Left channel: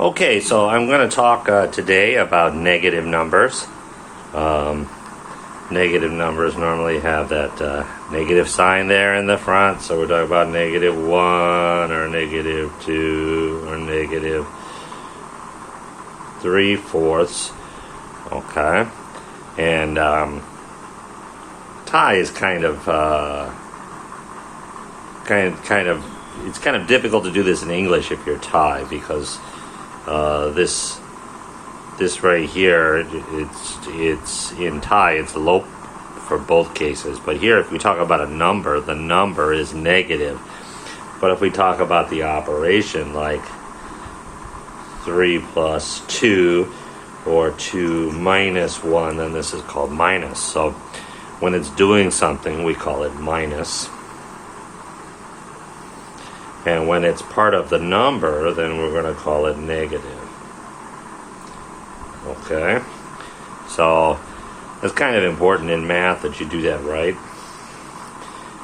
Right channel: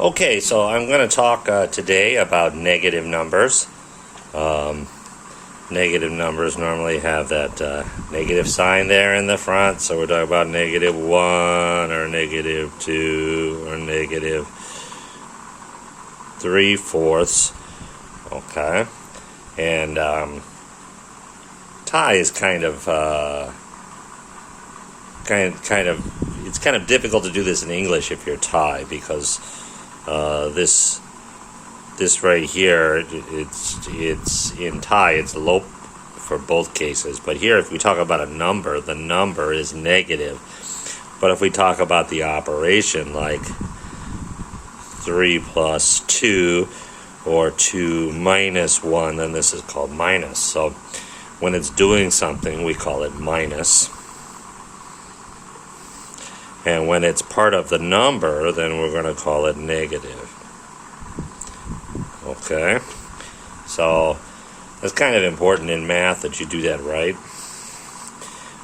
Okay, so I'm going to talk today about negative numbers. Negative numbers normally have that negative sign there in the front, so we're talking about negative 1 or negative 2 or negative 3/4. Okay, and pi is kind of it's kind of difficult to do this in English if you're Thai, because this right here, it's in Thai, it's lop for both cases. But here, if we talk about a number, the number is negative. But if we talk about the operation, like 3 plus 2 or 2 minus 1, then this is called minus. So when it's doing something, we call it minus. And when it's part of the number, then we're going to call it negative. Okay? So it's kind of important in math that you do that right.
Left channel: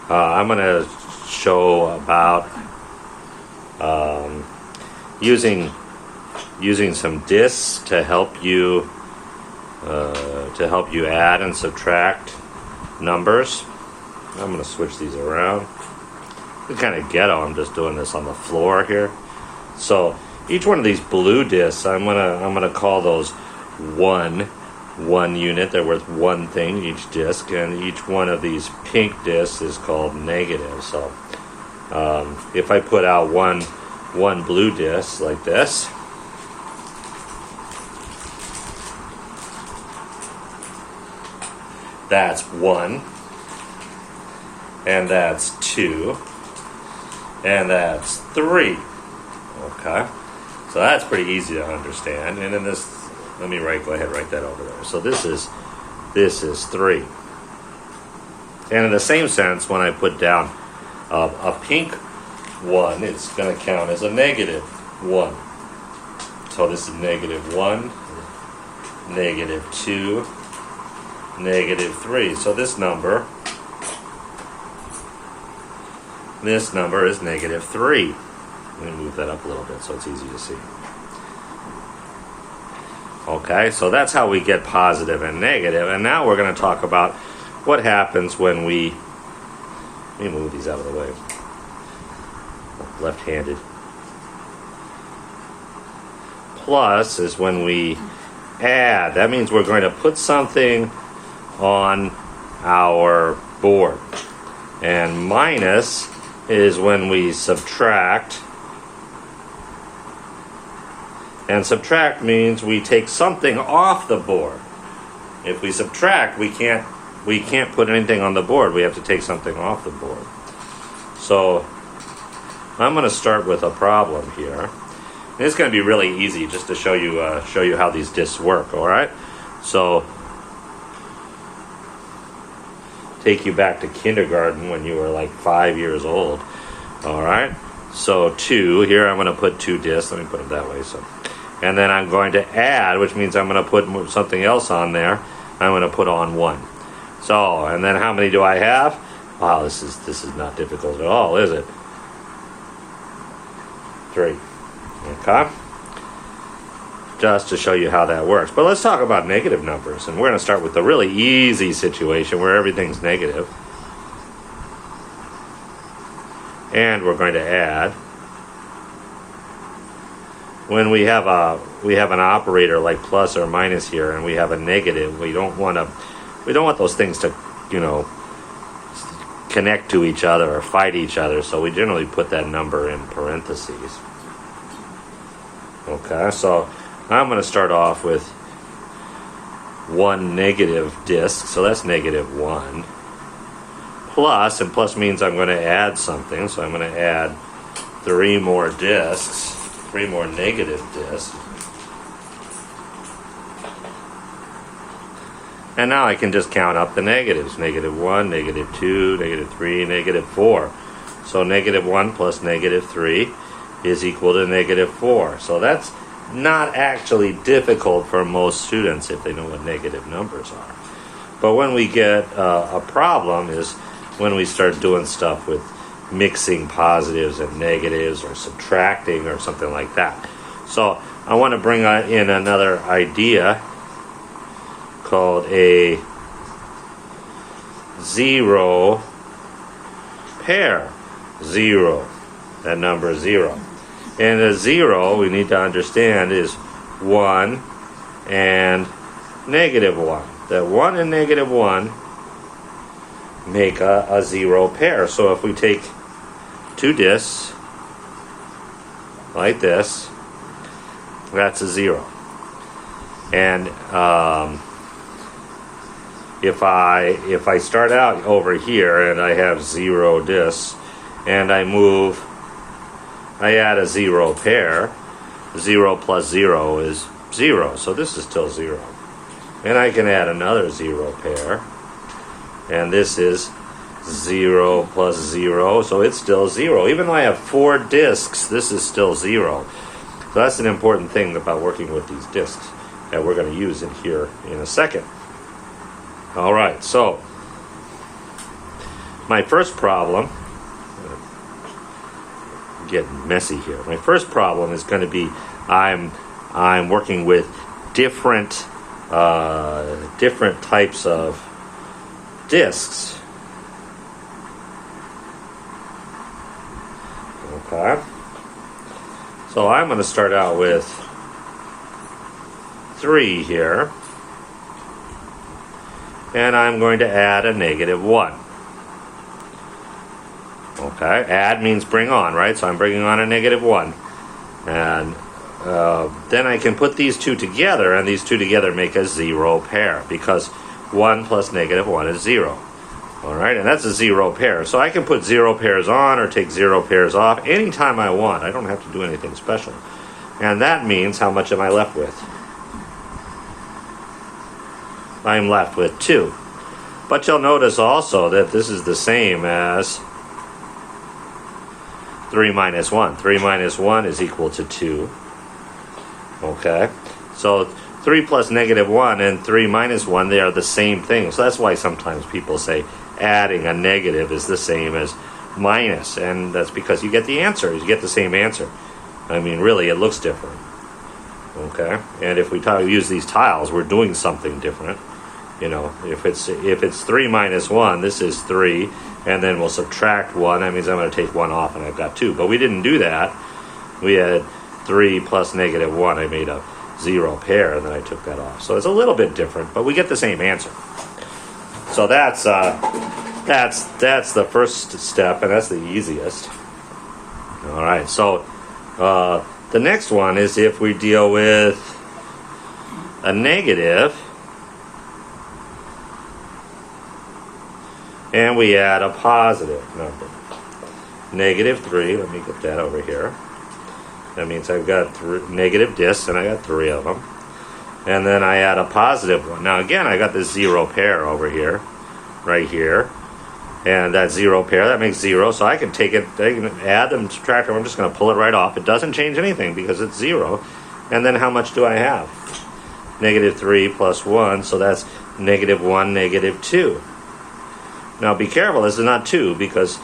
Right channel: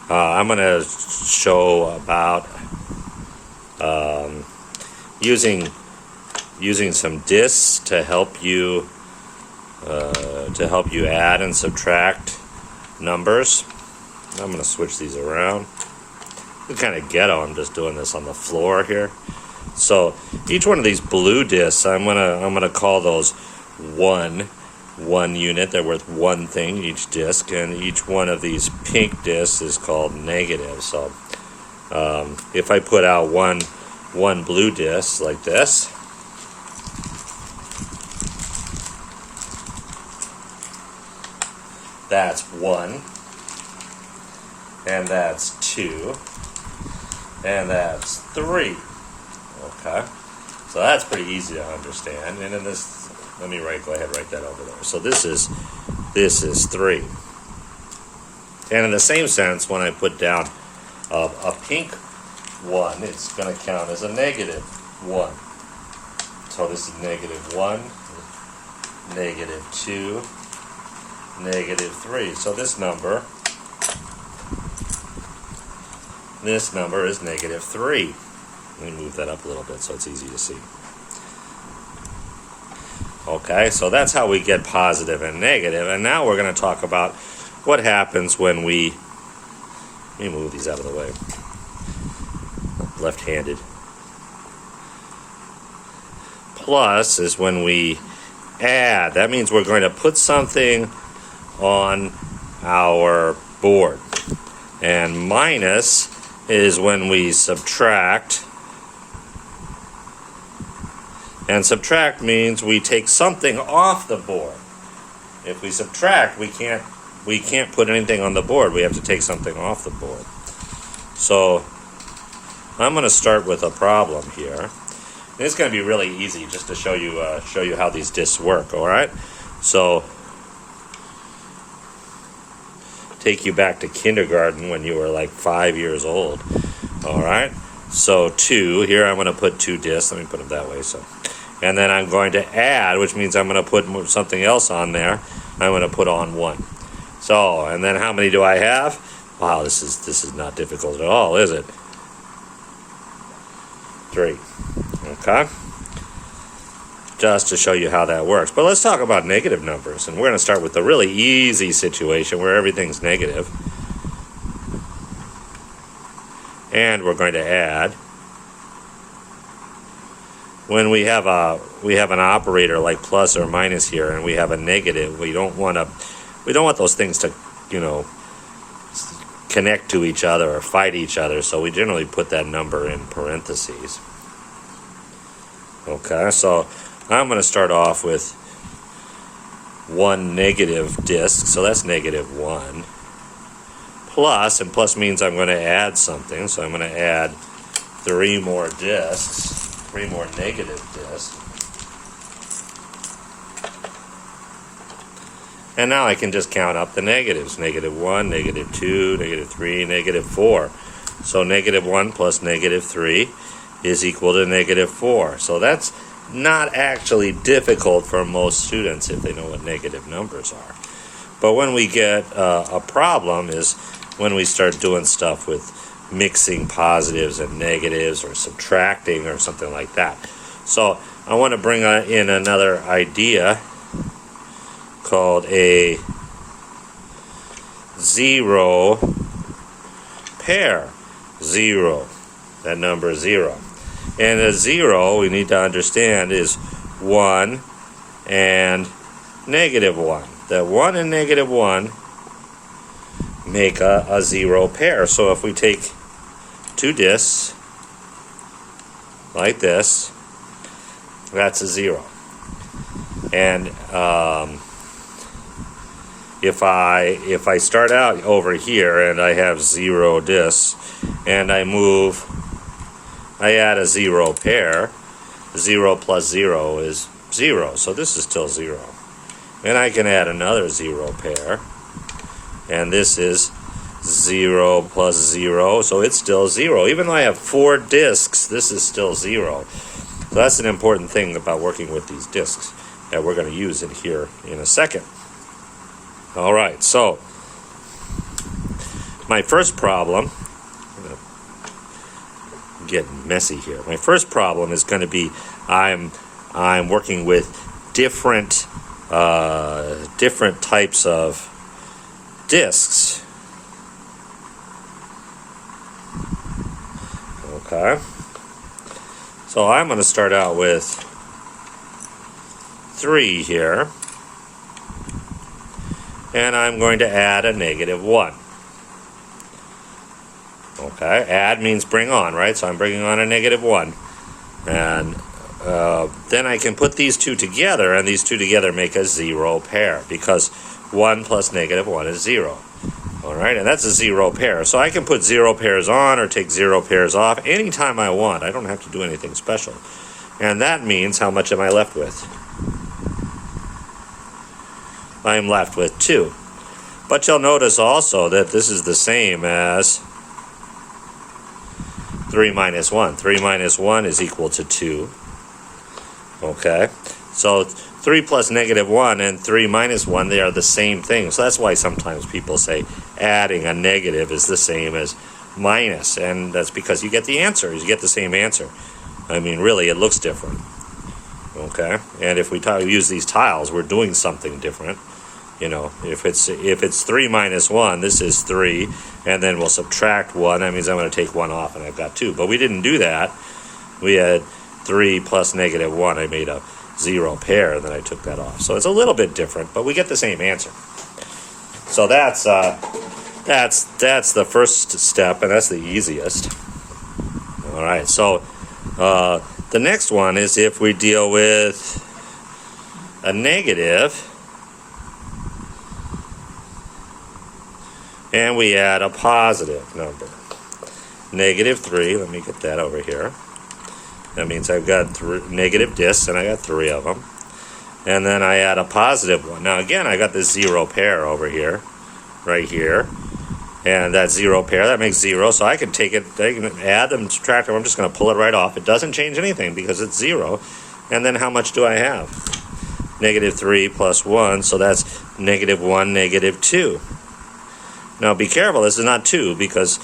I'm going to show about using some discs to help you add and subtract numbers. I'm going to switch these around. It's kind of ghetto. I'm just doing this on the floor here. So each one of these blue discs, I'm gonna call those one unit. They're worth one thing each disc, and each one of these pink discs is called negative. So if I put out one blue disc like this, that's 1, and that's 2. And that's 3. Okay, so that's pretty easy to understand. And then this, go ahead and write that over there. So this is 3. And in the same sense, when I put down a pink 1, it's going to count as a negative 1. So this is negative 1, negative 2, negative 3. So this number is negative 3. Let me move that up a little bit so it's easy to see. Okay, so that's how we get positive and negative. And now we're going to talk about what happens when we... Let me move these out of the way. Left-handed. Plus is when we add. That means we're going to put something on our board. And minus is when we subtract. And subtract means we take something off the board. If we subtract, we can't put anything on the board. We have to take something off the board. So I'm going to start with a problem here. And it's going to be really easy just to show you how these discs work. All right. So take you back to kindergarten when you were like 5 years old. All right. So 2 here. I'm going to put 2 discs. Let me put them that way. So. And then I'm going to add, which means I'm going to put something else on there. I'm going to put on 1. So, and then how many do I have? Wow, this is not difficult at all, is it? 3. Okay? Just to show you how that works. But let's talk about negative numbers. And we're going to start with the really easy situation where everything's negative. And we're going to add. When we have an operator like plus or minus here, and we have a negative, we don't want those things to, connect to each other or fight each other. So we generally put that number in parentheses. Okay, so I'm going to start off with 1 negative disc, so that's negative 1. Plus, and plus means I'm going to add something, so I'm going to add 3 more discs. 3 more negative discs. And now I can just count up the negatives. Negative 1, negative 2, negative 3, negative 4. So negative 1 plus negative 3 is equal to negative 4. So that's not actually difficult for most students if they know what negative numbers are. But when we get a problem is when we start doing stuff with mixing positives and negatives or subtracting or something like that. So I want to bring in another idea called a zero pair. Zero. That number is 0. And a 0, we need to understand, is 1 and -1. That 1 and -1 make a 0 pair. So if we take two discs like this, that's a 0. And if I start out over here and I have 0 discs and I add a 0 pair, 0 plus 0 is 0, so this is still 0. And I can add another 0 pair, and this is 0 plus 0, so it's still 0. Even though I have 4 discs, this is still 0. So that's an important thing about working with these discs that we're going to use in here in a second. All right, so my first problem, I'm getting messy here. My first problem is going to be I'm working with different types of discs. Okay, so I'm going to start out with 3 here. And I'm going to add a -1. Okay, add means bring on, right? So I'm bringing on a -1. And then I can put these two together, and these two together make a 0 pair, because 1 plus -1 is 0. All right, and that's a 0 pair. So I can put 0 pairs on or take 0 pairs off anytime I want. I don't have to do anything special. And that means, how much am I left with? I'm left with 2. But you'll notice also that this is the same as 3 minus 1. 3 minus 1 is equal to 2. Okay, so 3 plus -1 and 3 minus 1, they are the same thing. So that's why sometimes people say adding a negative is the same as minus. And that's because you get the answer. You get the same answer. I mean, really, it looks different. Okay, and if we use these tiles, we're doing something different. You know, if it's 3 minus 1, this is 3, and then we'll subtract 1. That means I'm going to take 1 off, and I've got 2. But we didn't do that. We had 3 plus -1. I made a 0 pair, and then I took that off. So it's a little bit different, but we get the same answer. So that's the first step, and that's the easiest. All right. So the next one is if we deal with a negative. And we add a positive number. -3, let me get that over here. That means I've got negative discs, and I got 3 of them. And then I add a positive one. Now again, I got this 0 pair over here, right here. And that 0 pair, that makes 0, so I can take it, I can add them, subtract them, I'm just going to pull it right off. It doesn't change anything because it's 0. And then how much do I have? -3 plus 1, so that's -1, -2. Now be careful, this is not 2, because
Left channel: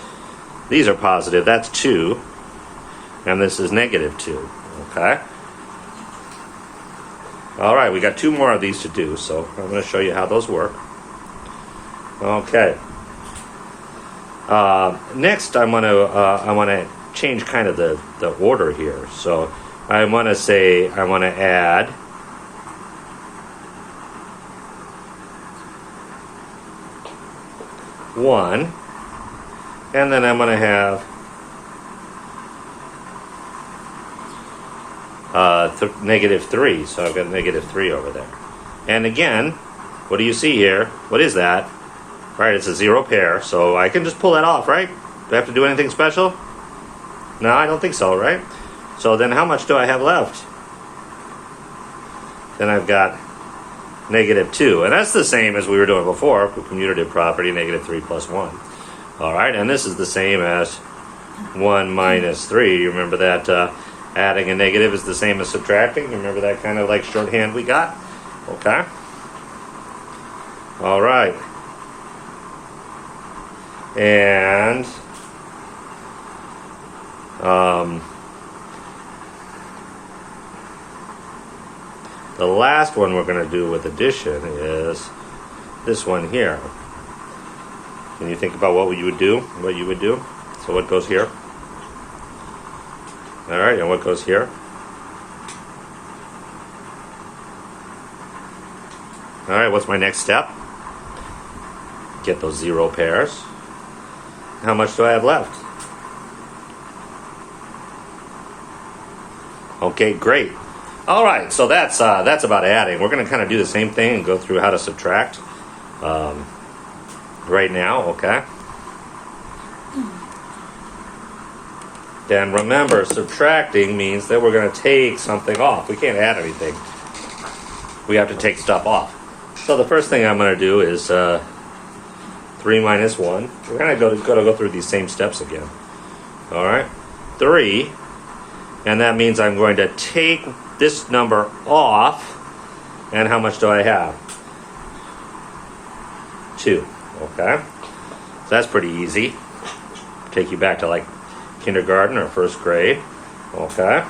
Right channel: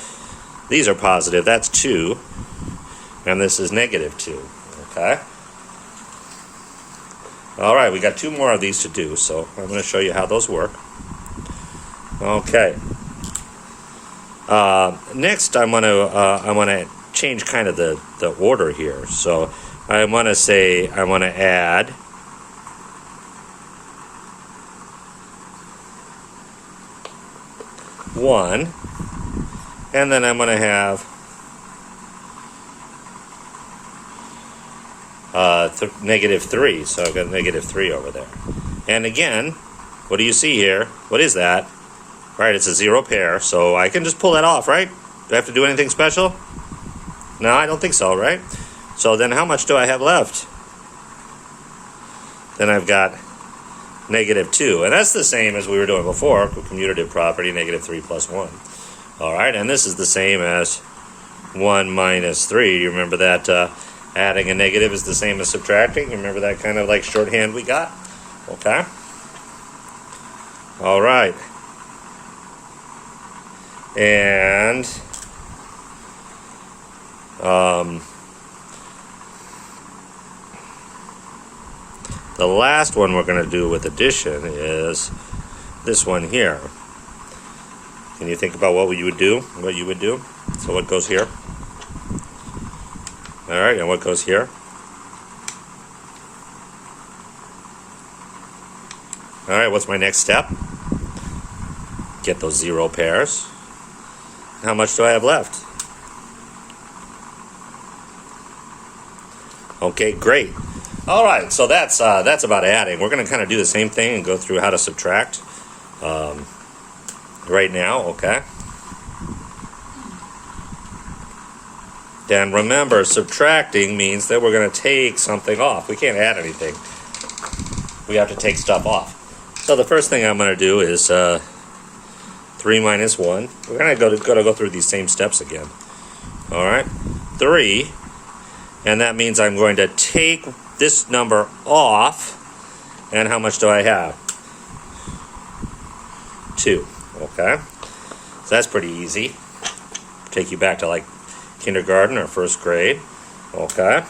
these are positive. That's 2, and this is -2. Okay? All right, we got 2 more of these to do, so I'm going to show you how those work. Okay. Next, I want to change kind of the order here. So I want to say I want to add one, and then I'm going to have -3, so I've got -3 over there. And again, what do you see here? What is that? Right, it's a 0 pair, so I can just pull that off, right? Do I have to do anything special? No, I don't think so, right? So then how much do I have left? Then I've got -2, and that's the same as we were doing before, commutative property, -3 plus 1. All right, and this is the same as 1 minus 3. You remember that adding a negative is the same as subtracting? You remember that kind of like shorthand we got? Okay. All right. And The last one we're going to do with addition is this one here. Can you think about what you would do? So what goes here? All right, and what goes here? All right, what's my next step? Get those zero pairs. How much do I have left? Okay, great. All right, so that's about adding. We're going to kind of do the same thing and go through how to subtract right now, okay? Then remember, subtracting means that we're going to take something off. We can't add anything. We have to take stuff off. So the first thing I'm going to do is 3 minus 1. We're going to go through these same steps again. All right, 3, and that means I'm going to take this number off, and how much do I have? 2, okay? So that's pretty easy. Take you back to like kindergarten or first grade, okay?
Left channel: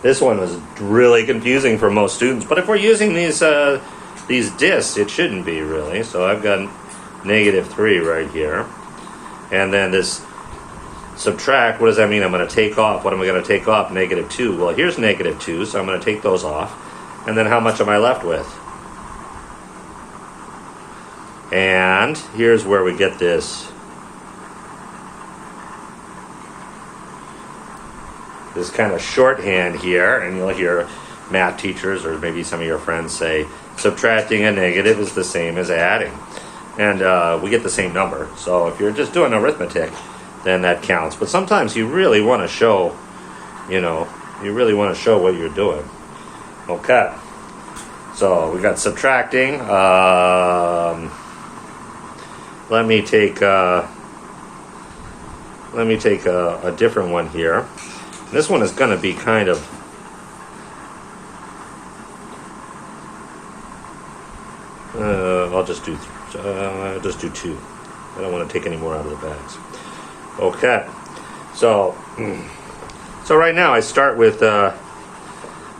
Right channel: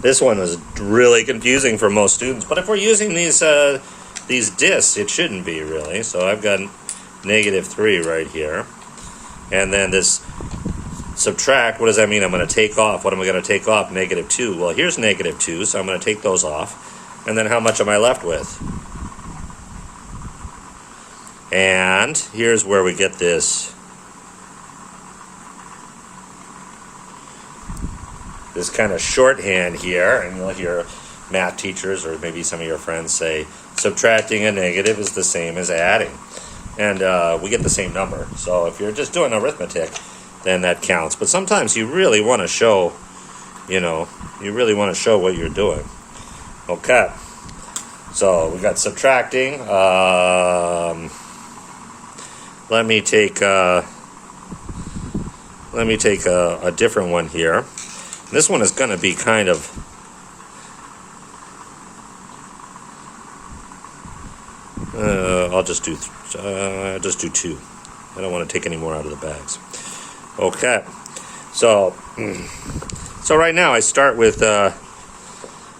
This one was really confusing for most students, but if we're using these discs, it shouldn't be really. So I've got -3 right here, and then this subtract. What does that mean? I'm going to take off. What am I going to take off? -2. Well, here's -2, so I'm going to take those off, and then how much am I left with? And here's where we get this kind of shorthand here, and you'll hear math teachers or maybe some of your friends say subtracting a negative is the same as adding, and we get the same number. So if you're just doing arithmetic, then that counts. But sometimes you really want to show, what you're doing. Okay, so we got subtracting. Let me take a different one here. This one is going to be kind of I'll just do 2. I don't want to take any more out of the bags. Okay, so right now I start with a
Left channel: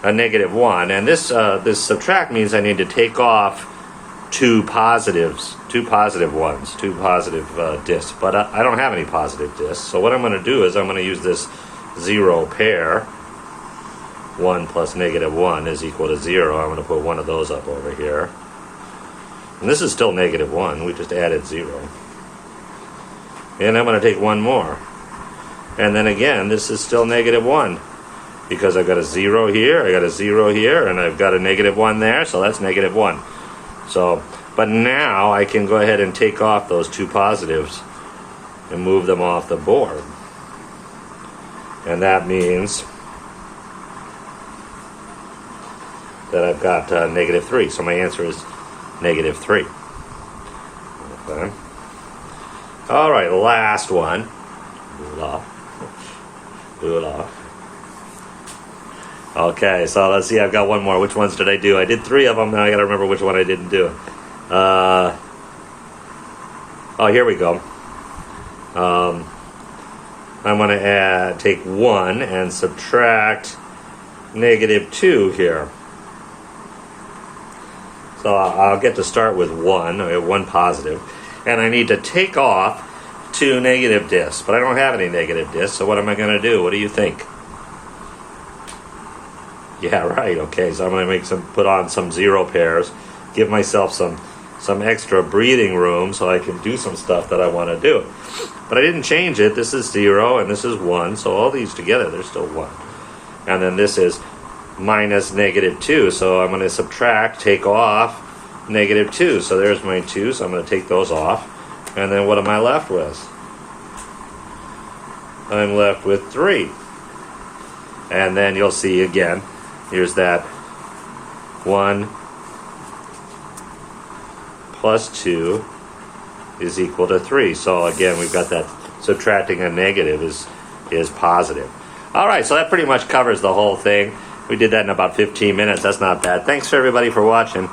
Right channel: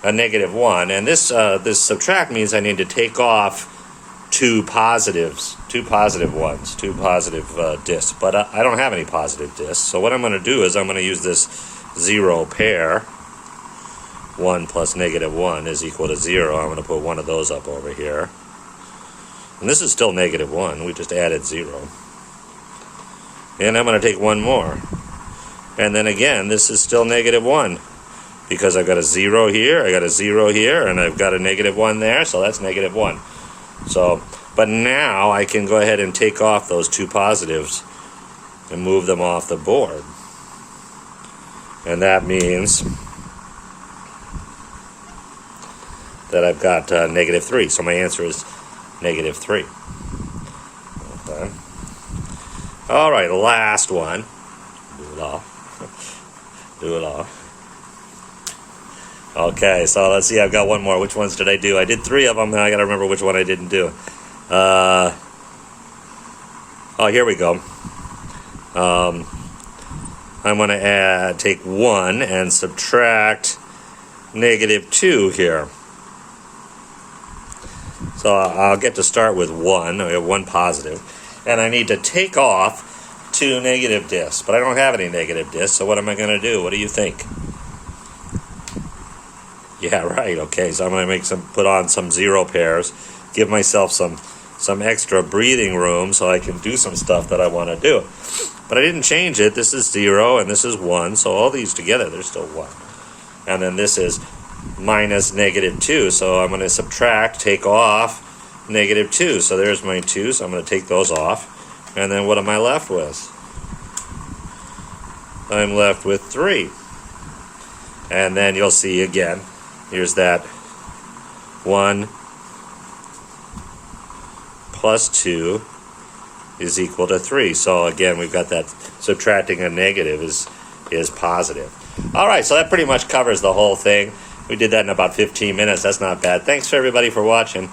-1, and this subtract means I need to take off two positive ones, two positive discs, but I don't have any positive discs. So what I'm going to do is I'm going to use this 0 pair. 1 plus -1 is equal to 0. I'm going to put one of those up over here. And this is still -1. We just added 0. And I'm going to take one more. And then again, this is still -1. Because I've got a 0 here, I got a 0 here, and I've got a -1 there, so that's -1. So, but now I can go ahead and take off those two positives and move them off the board. And that means that I've got -3. So my answer is -3. Okay. All right, last one. Blah. Okay, so let's see. I've got one more. Which ones did I do? I did 3 of them. Now I got to remember which one I didn't do. Here we go. I'm going to take 1 and subtract -2 here. So I'll get to start with 1. I have 1 positive. And I need to take off 2 negative discs. But I don't have any negative discs, so what am I going to do? What do you think? Yeah, right. Okay, so I'm going to put on some 0 pairs, give myself some extra breathing room so I can do some stuff that I want to do. But I didn't change it. This is 0 and this is 1, so all these together, they're still 1. And then this is minus -2, so I'm going to subtract, take off -2. So there's my 2, so I'm going to take those off. And then what am I left with? I'm left with 3. And then you'll see again, here's that 1 plus 2 is equal to 3. So again, we've got that subtracting a negative is positive. All right, so that pretty much covers the whole thing. We did that in about 15 minutes. That's not bad. Thanks for everybody for watching.